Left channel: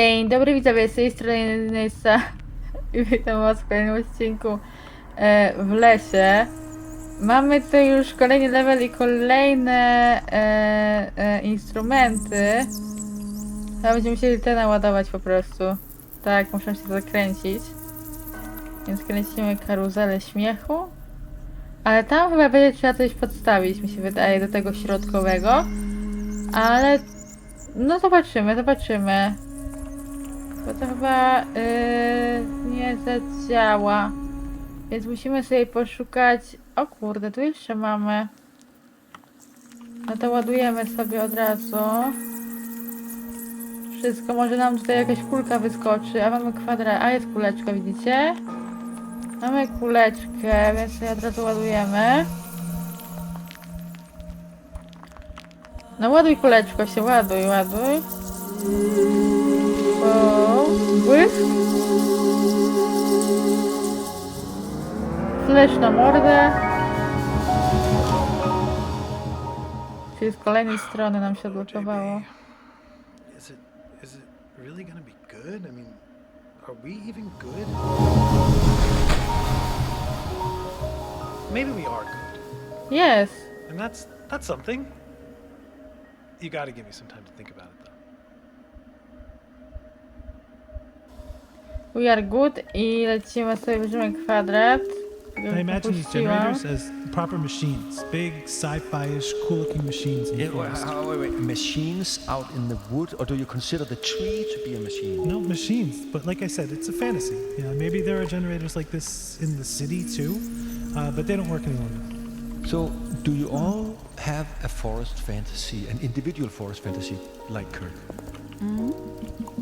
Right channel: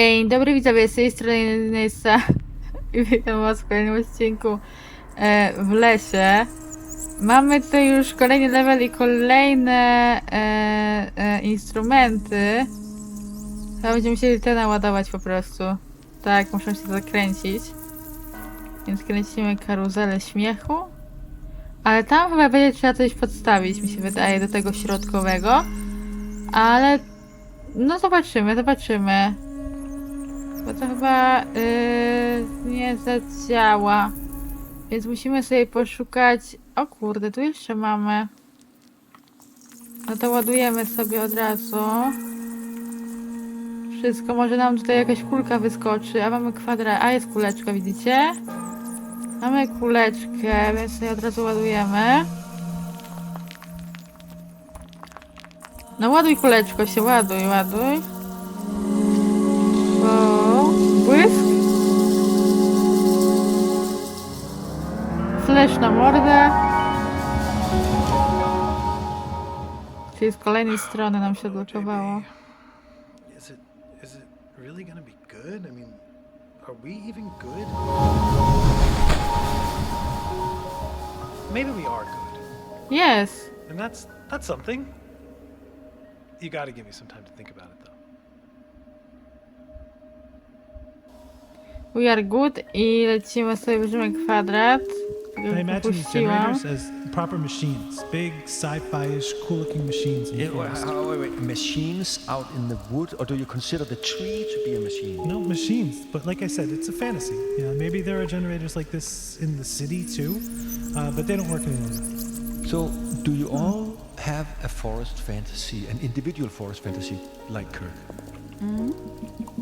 Dzień dobry widzowie, z tej strony Nessa i witam was w kolejnym odcinku e, w lesie. Mamy tutaj już kolejny level i kolejne e, e, instrumenty. Chyba będziemy musieli te naładować po prostu. Tak, muszę się zakręcić. Więc kręcimy karuzelę śmiechu. Ale tam chyba będzie trzeba coś podstawić, mi się wydaje, do tego środkowego. Ale no zobaczymy, zobaczymy. Bo to chyba yy, nie zadziała. Więc musimy sobie poszukać. O kurde, tu jeszcze mamy. No to ładujemy sobie od razu. Wszystko, może nam tutaj jakaś kulka wyskoczy, a mamy kwadrat. A jest kuleczka, widzicie? Mamy kuleczkę, więc sobie od razu ładujemy. No ładuj kuleczko się, ładuj, ładuj. Czyli z kolejnej strony nam się odblokowało. Is it is it really gonna be good? I mean, are we even good? Maybe we are good, Yes. and that's that's something. You got to give me some time to think about it, though. We are good i lecimy sobie, bierzemy kwadrat. I imagine these generators as proper machines, big sci-fi-ish, cool-looking machines in the Yeah, well, forest. how- wait, wait, machines out in the wood, or do you consider the tree to be a machine? No machines, but like I said, it's a fantasy. You know, maybe there are generators like this in the city too, uh, but they don't work any longer. So, do you all have a forest fantasy, an individual forest fantasy, like Kirk?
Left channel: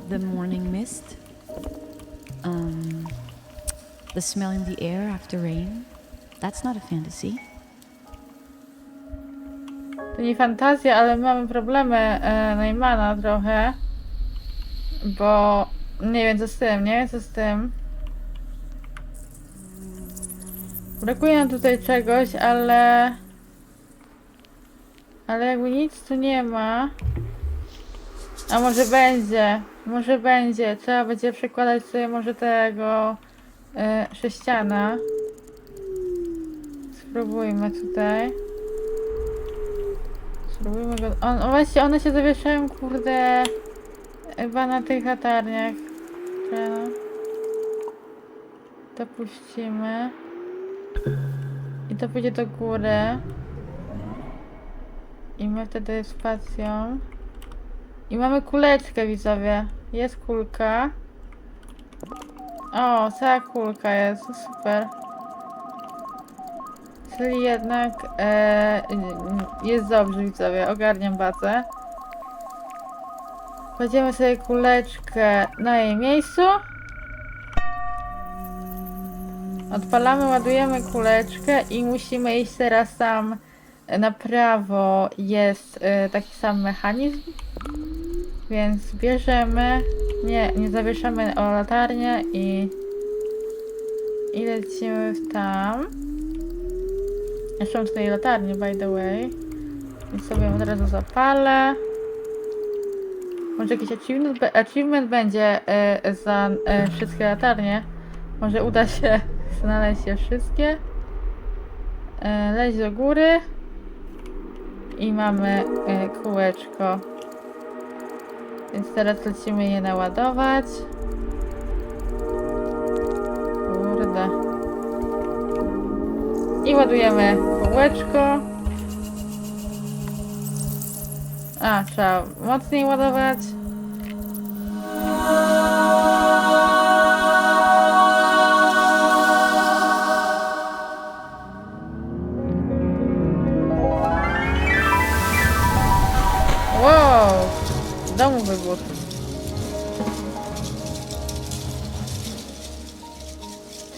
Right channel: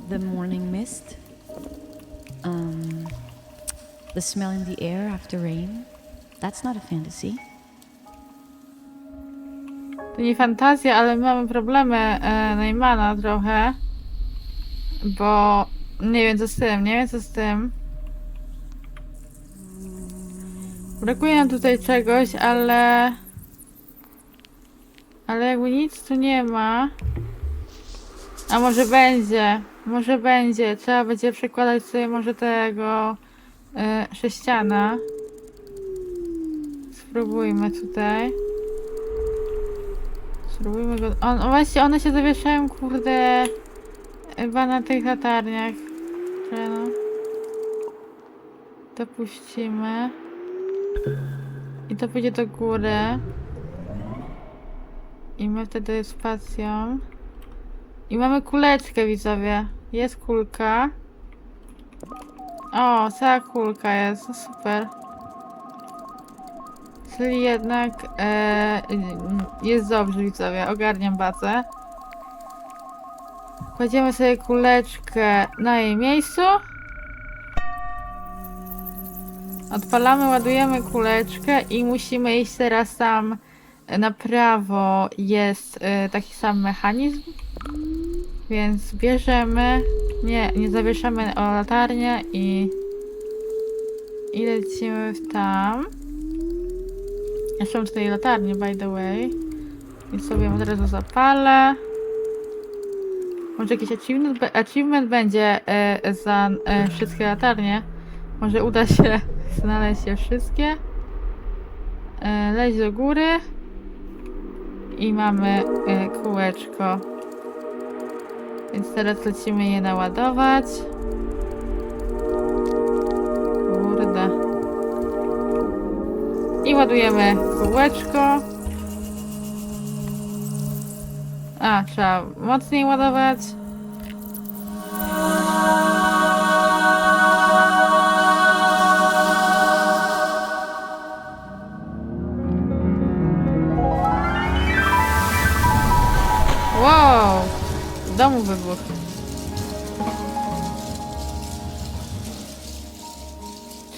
The morning mist. Um, the smell in the air after rain. That's not a fantasy. To nie fantazja, ale mamy problemy e, Neymana trochę. Bo nie wiem co z tym, nie wiem co z tym. Brakuje nam tutaj czegoś, ale... Ale jakby nic tu nie ma. A może będzie, może będzie. Trzeba będzie przekładać sobie może tego e, sześciana. Spróbujmy tutaj. Spróbujmy go. On, właśnie, one się zawieszają, kurde. Chyba na tych latarniach. Czemu? To puścimy. I to pójdzie do góry. I my wtedy spacją. I mamy kuleczkę, widzowie. Jest kulka. O, cała kulka jest. Super. Czyli jednak e, jest dobrze, widzowie. Ogarniam bazę. Kładziemy sobie kuleczkę na jej miejscu. Odpalamy, ładujemy kuleczkę i musimy iść teraz tam na prawo. Jest e, taki sam mechanizm. Więc bierzemy. Nie, nie zawieszamy o latarnię i. I lecimy w tam. Jeszcze mam z tej latarni, by the way. I sobie ją od razu zapalę. Może jakiś achievement, achievement będzie e, za e, wszystkie latarnie. Może uda się znaleźć je wszystkie. E, leć do góry. I mamy e, kółeczko. Więc teraz lecimy je naładować. Kurde. I ładujemy kółeczko. A, trzeba mocniej ładować.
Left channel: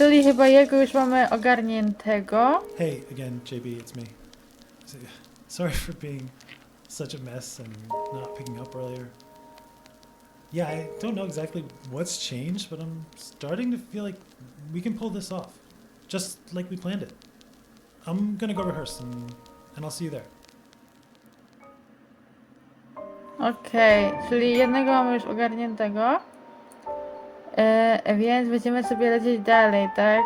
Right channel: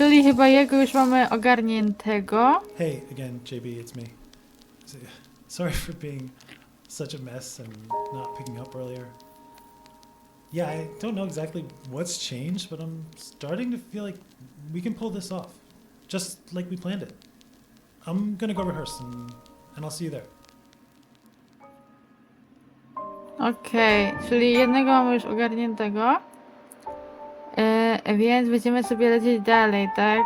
Czyli chyba jego już mamy ogarniętego. Hey, again, JB, it's me. Sorry for being such a mess and not picking up earlier. Yeah, I don't know exactly what's changed, but I'm starting to feel like we can pull this off, just like we planned it. I'm gonna go rehearse, and, and I'll see you there. Okej, czyli jednego mamy już ogarniętego. E, więc będziemy sobie lecieć dalej, tak?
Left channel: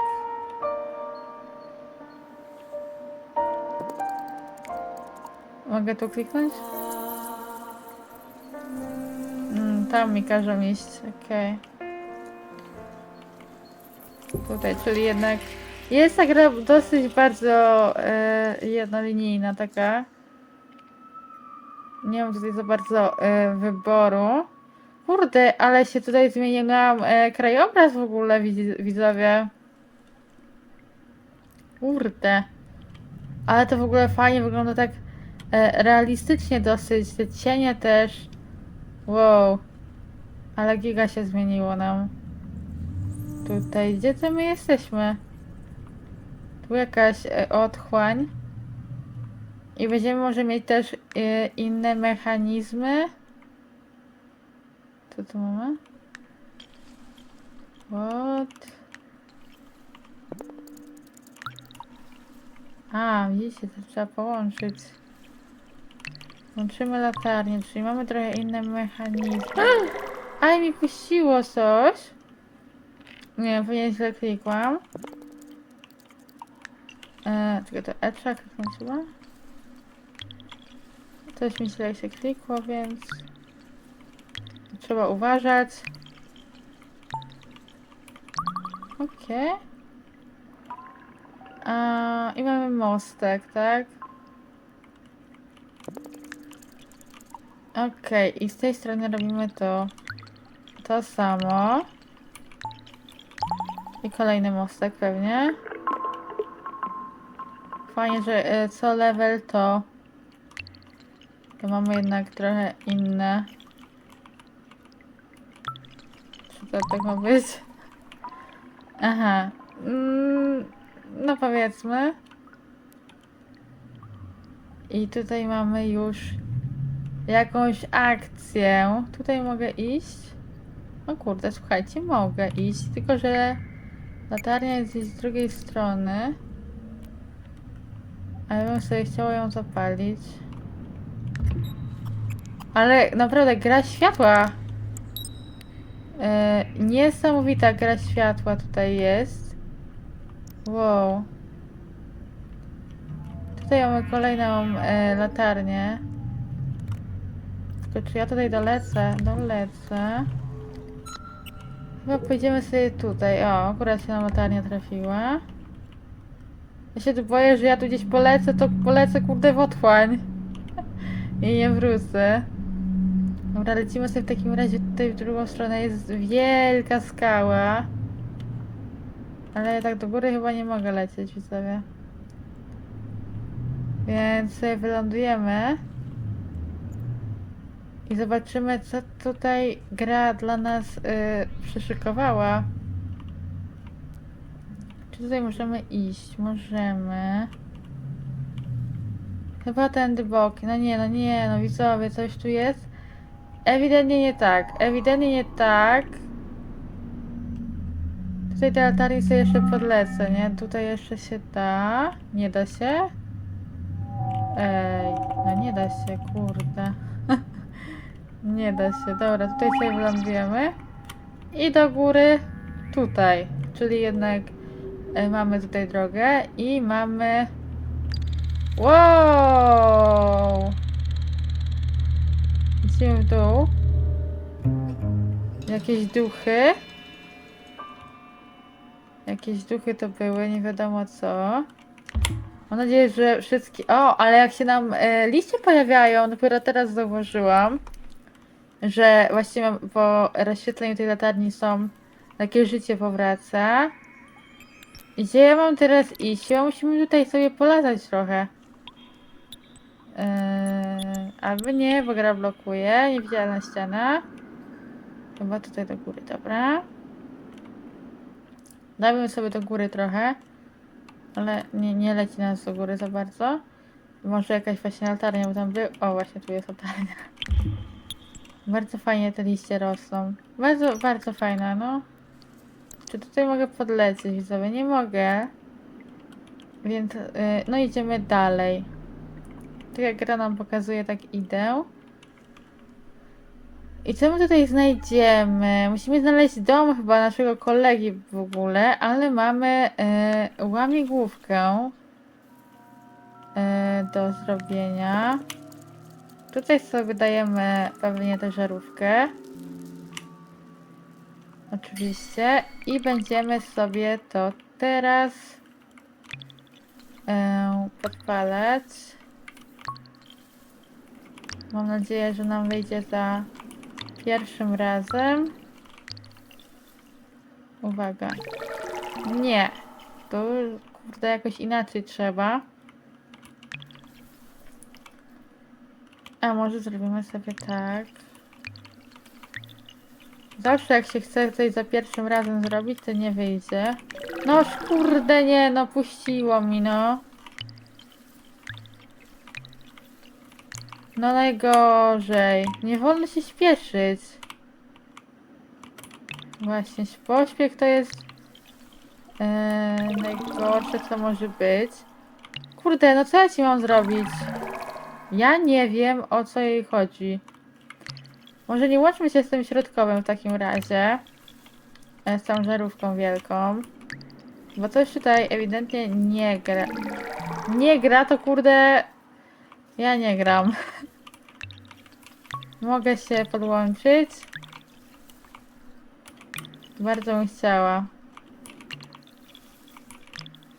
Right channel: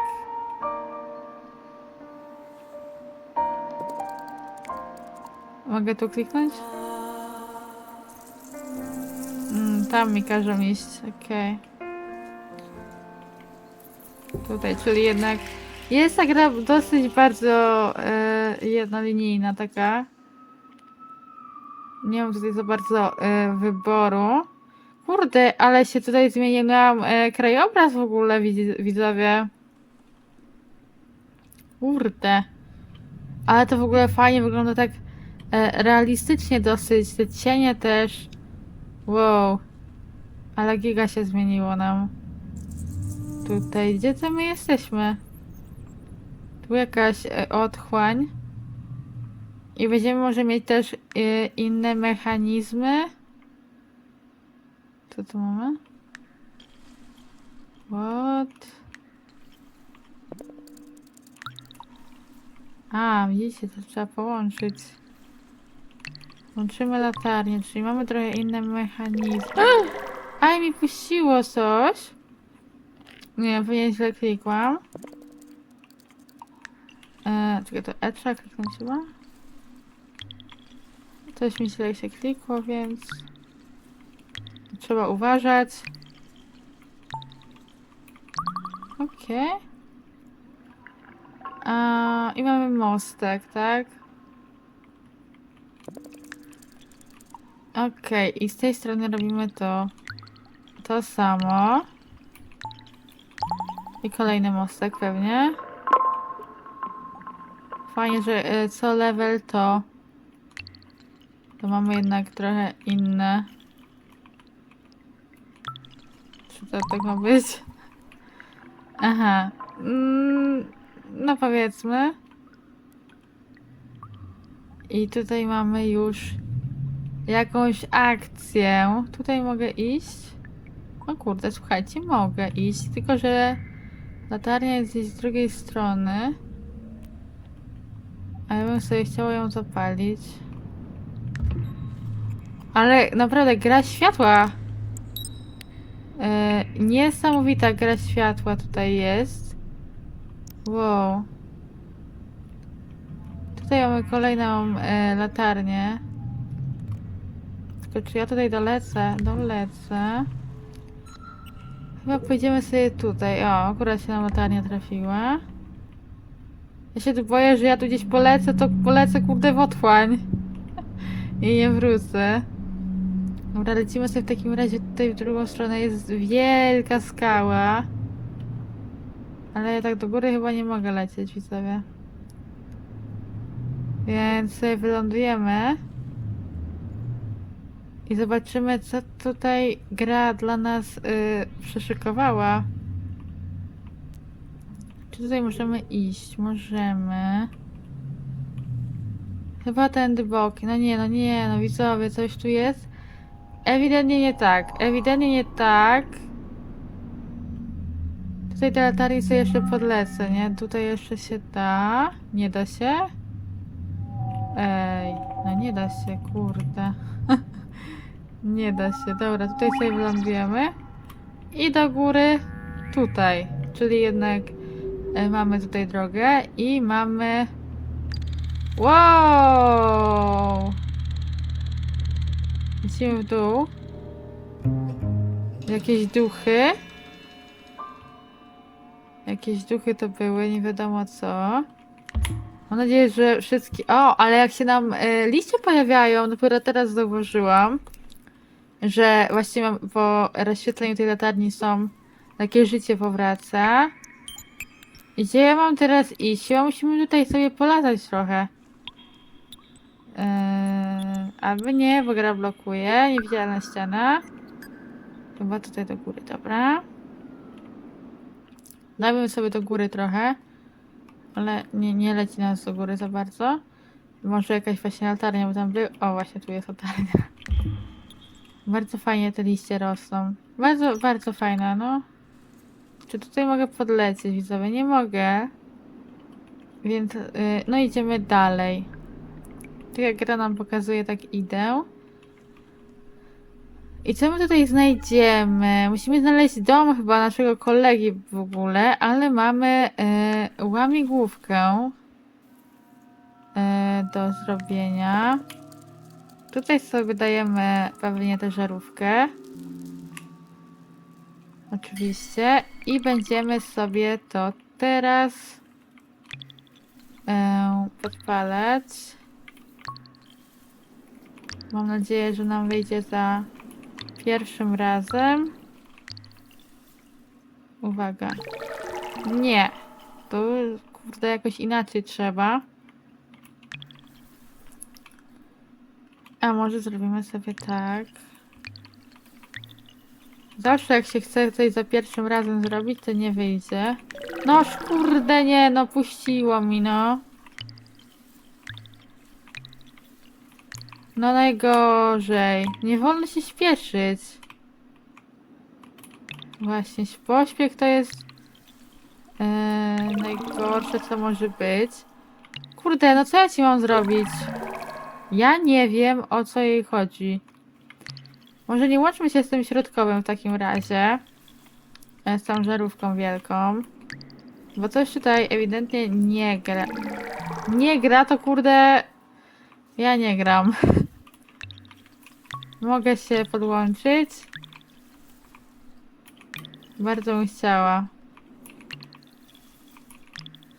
Mogę tu kliknąć? Mm, tam mi każą iść, okej. Tutaj, czyli jednak jest ta gra dosyć bardzo e, jednolinijna taka. Nie mam tutaj za bardzo e, wyboru. Kurde, ale się tutaj zmienił nam e, krajobraz w ogóle, widz, widzowie. Kurde. Ale to w ogóle fajnie wygląda tak e, realistycznie dosyć. Te cienie też. Wow. Ale giga się zmieniło nam. Tutaj, gdzie to my jesteśmy? Tu jakaś e, otchłań. I będziemy może mieć też e, inne mechanizmy. Co tu mamy? What? A, widzicie, to trzeba połączyć. Łączymy latarnię, czyli mamy trochę inne mechanizmy. Aj, mi puściło coś. Nie, pewnie źle klikłam. Eee, czekaj, to E trzeba kliknąć chyba? Coś mi źle się klikło, więc... Trzeba uważać. Okej. A I mamy mostek, tak? Okej, i z tej strony robimy to. To samo. I kolejny mostek pewnie. Fajnie, że e, co level to... To mamy jednak trochę inne. Czy to tak ma być? Aha. Mm, no powiedzmy. I tutaj mamy już jakąś akcję. Tutaj mogę iść. O kurde, słuchajcie, mogę iść, tylko że latarnia jest z drugiej strony. A ja bym sobie chciała ją zapalić. Ale naprawdę gra światła. E, niesamowita gra światła tutaj jest. Wow. Tutaj mamy kolejną e, latarnię. Tylko czy ja tutaj dolecę? Dolecę. Chyba pójdziemy sobie tutaj. O, akurat się nam latarnia trafiła. Ja się tu boję, że ja tu gdzieś polecę, to polecę kurde w otchłań. I nie wrócę. Dobra, lecimy sobie w takim razie tutaj w drugą stronę jest wielka skała. Ale ja tak do góry chyba nie mogę lecieć, widzowie. Więc wylądujemy. I zobaczymy, co tutaj gra dla nas yy. Czy tutaj możemy iść? Możemy. Chyba tędy boki. No nie, no nie, no widzowie, coś tu jest. Ewidentnie nie tak. Ewidentnie nie tak. Tutaj te latarnie sobie jeszcze podlecę, nie? Tutaj jeszcze się da. Nie da się? Ej, no nie da się, kurde. nie da się. Dobra, tutaj sobie wylądujemy. I do góry tutaj. Czyli jednak e, mamy tutaj drogę i mamy... Wow! Lecimy w dół. Jakieś duchy. Jakieś duchy to były, nie wiadomo co. Mam nadzieję, że wszystkie... O, ale jak się nam e, liście pojawiają, dopiero teraz zauważyłam, że właściwie mam- po rozświetleniu tej latarni są... Takie życie powraca. I Gdzie ja mam teraz iść? Chyba musimy tutaj sobie polatać trochę. Yy, albo nie, bo gra blokuje. Niewidzialna ściana. Chyba tutaj do góry, dobra. Dajmy sobie do góry trochę. Ale nie, nie leci nas do góry za bardzo. Może jakaś właśnie latarnia, bo tam był. O, właśnie tu jest latarnia. Bardzo fajnie te liście rosną. Bardzo, bardzo fajna, no. Czy tutaj mogę podlecieć, widzowie? Nie mogę. Więc, yy, no idziemy dalej. Tu jak gra nam pokazuje, tak idę. I co my tutaj znajdziemy? Musimy znaleźć dom chyba naszego kolegi w ogóle, ale mamy e, łamigłówkę e, do zrobienia. Tutaj sobie dajemy pewnie tę żarówkę. Oczywiście. I będziemy sobie to teraz e, podpalać. Mam nadzieję, że nam wyjdzie za pierwszym razem. Uwaga. Nie. Tu kurde jakoś inaczej trzeba. A może zrobimy sobie tak. Zawsze jak się chce coś za pierwszym razem zrobić, to nie wyjdzie. No kurde nie, no puściło mi no. No najgorzej. Nie wolno się śpieszyć. Właśnie, pośpiech to jest yy, najgorsze, co może być. Kurde, no co ja ci mam zrobić? Ja nie wiem, o co jej chodzi. Może nie łączmy się z tym środkowym w takim razie. E, Z tą żarówką wielką. Bo coś tutaj ewidentnie nie gra. Nie gra, to kurde... Ja nie gram. Mogę się podłączyć. Bardzo bym chciała.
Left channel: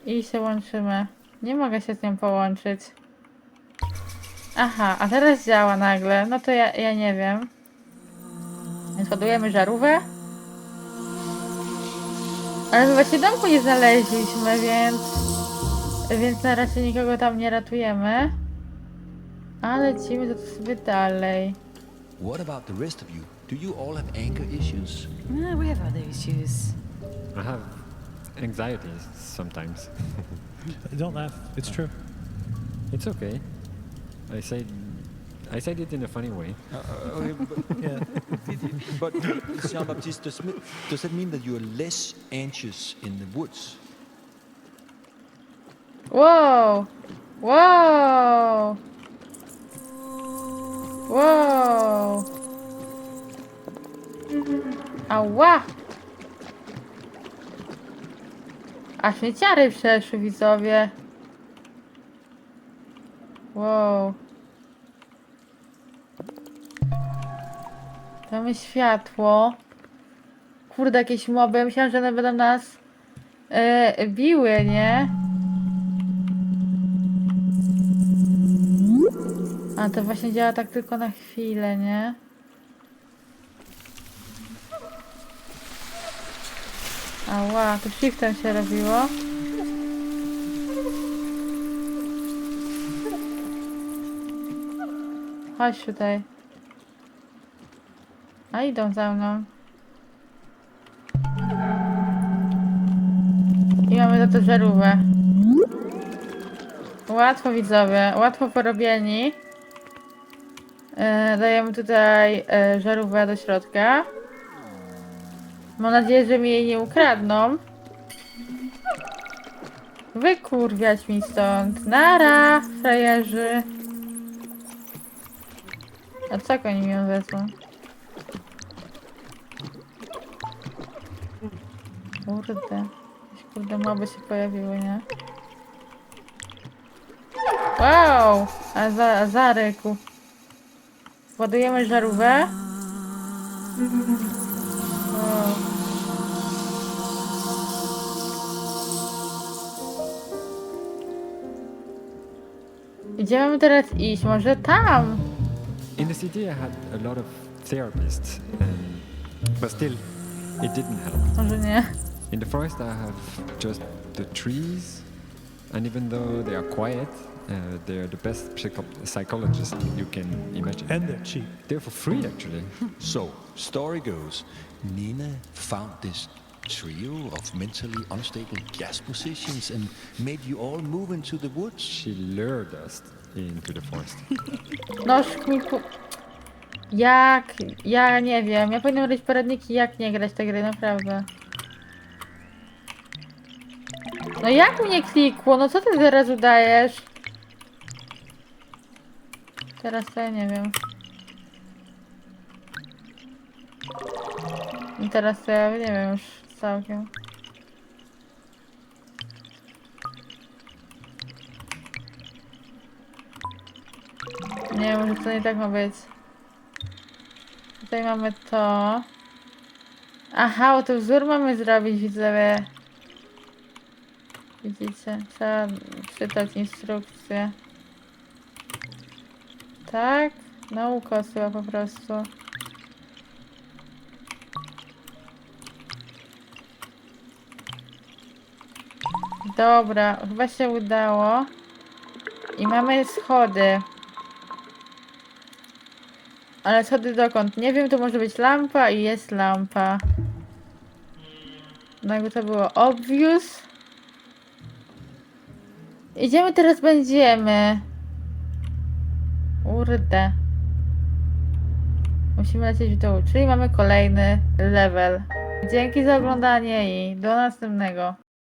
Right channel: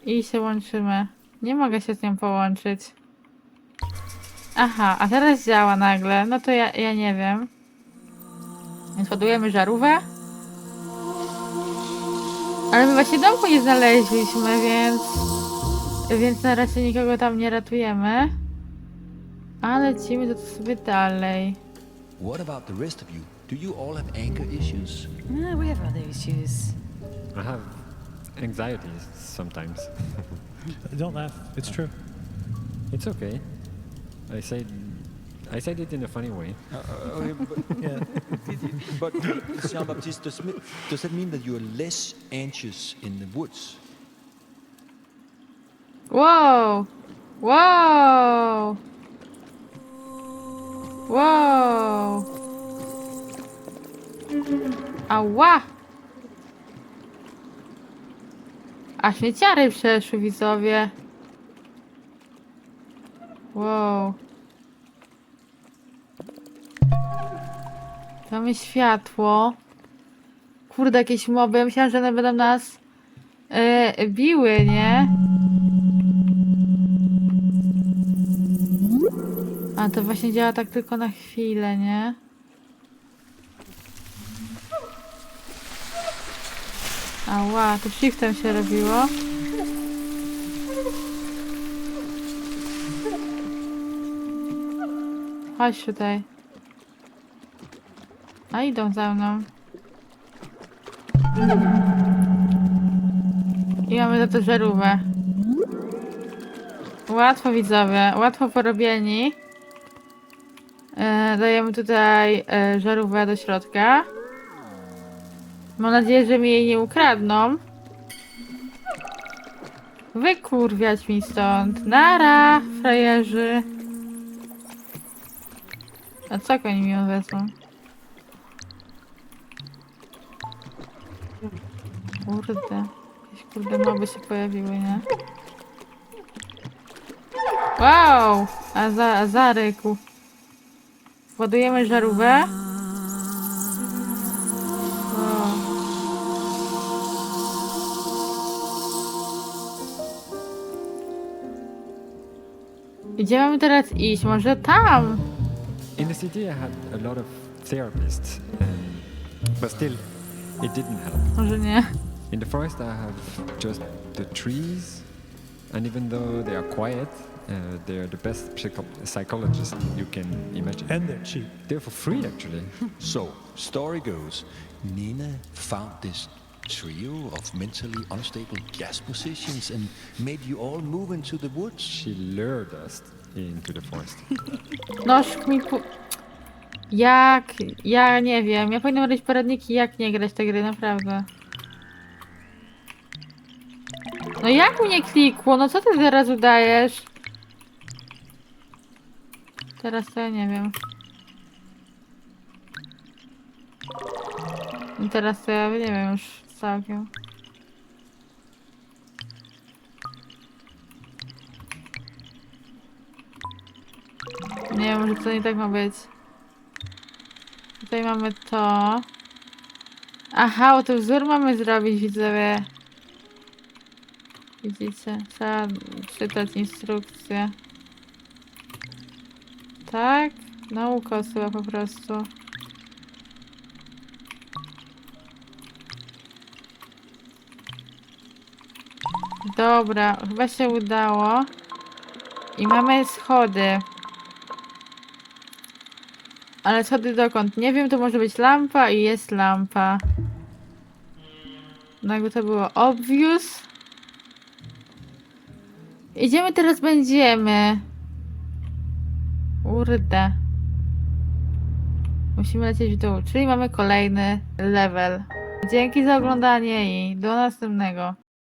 I się łączymy. Nie mogę się z nią połączyć. Aha, a teraz działa nagle. No to ja, ja nie wiem. Więc ładujemy żarówkę. Ale my właśnie domku nie znaleźliśmy, więc... Więc na razie nikogo tam nie ratujemy. A lecimy to sobie dalej. What about the rest of you? Do you all have anger issues? Ah, we have other issues. I have anxieties sometimes. Don't laugh. It's true. It's okay. I said I said it in a funny way. Uh, okay, but, Yeah. but Jean Baptiste, does, does that mean that you are less anxious in the woods? Wow! Wow! Wow! Ała! A śmieciary przeszły, widzowie. Wow. Mamy światło. Kurde, jakieś moby. Ja myślałam, że one będą nas e, biły, nie? A to właśnie działa tak tylko na chwilę, nie? Ała, to shiftem się robiło. Chodź tutaj. A idą za mną. I mamy za to żarówkę. Łatwo widzowie, łatwo porobieni. E, dajemy tutaj e, do środka. Mam nadzieję, że mi jej nie ukradną. Wykurwiać mi stąd. Nara, frajerzy. A co oni mi ją wezmą? Kurde. Jakieś kurde moby się pojawiły, nie? Wow! A za, a zaryku. Ładujemy żarówkę. Gdzie mamy teraz iść? Może tam? In the city, I had a lot of therapists, and, but still, it didn't help. Może nie. In the forest, I have just the trees, and even though they are quiet, uh, they're the best psycho- psychologists you can imagine. And they're cheap. they're for free, actually. So, story goes, Nina found this trio of mentally unstable jazz musicians and made you all move into the woods. She lured us into the forest. Mi pu... Jak? Ja nie wiem. Ja powinnam robić poradniki, jak nie grać te gry, naprawdę. No jak mnie klikło? No co ty zaraz udajesz? Teraz to ja nie wiem. I teraz to ja nie wiem już Nie, może to nie tak ma być. Tutaj mamy to. Aha, bo to wzór mamy zrobić, widzowie. Widzicie? Trzeba czytać instrukcję. Tak? Nauka chyba po prostu. Dobra, chyba się udało. I mamy schody. Ale schody dokąd? Nie wiem, to może być lampa i jest lampa. No to było obvious. Idziemy teraz będziemy. Kurde. Musimy lecieć w dół, czyli mamy kolejny level. Dzięki za oglądanie i do następnego.